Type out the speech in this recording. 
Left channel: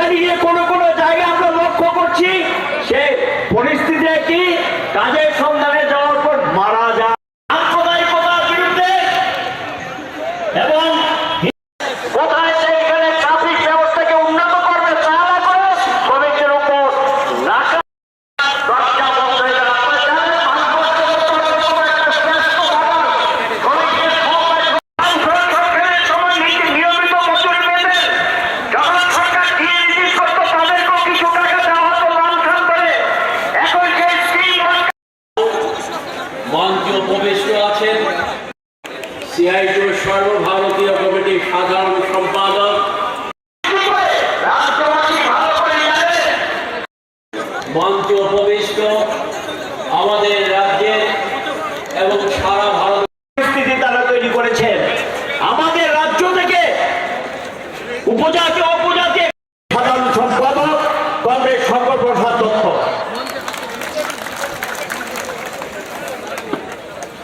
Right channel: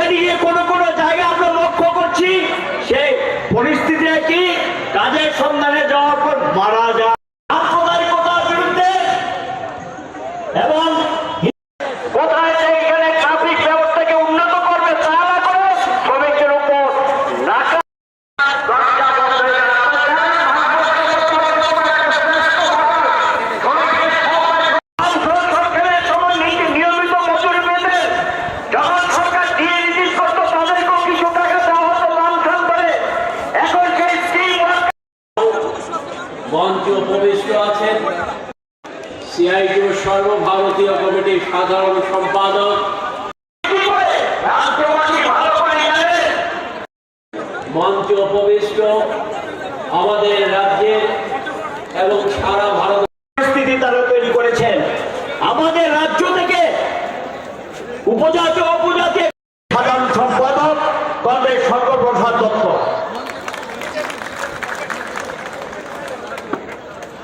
Galinha quando মঞ্চে উপবিষ্ট আছেন সিআইটি সর্বভারতীয় কমিটির সাধারণ সম্পাদক। মঞ্চে উপবিষ্ট আমাদের রাজ্যের এবং সারা ভারত পরিস্থিতি তারা তৈরি করেছেন। আমাদের রাজ্য থেকে উপজাতি অপজাতি সাধারণ সম্পাদক, কংগ্রেস সর্বপ্রসাদ দত্ত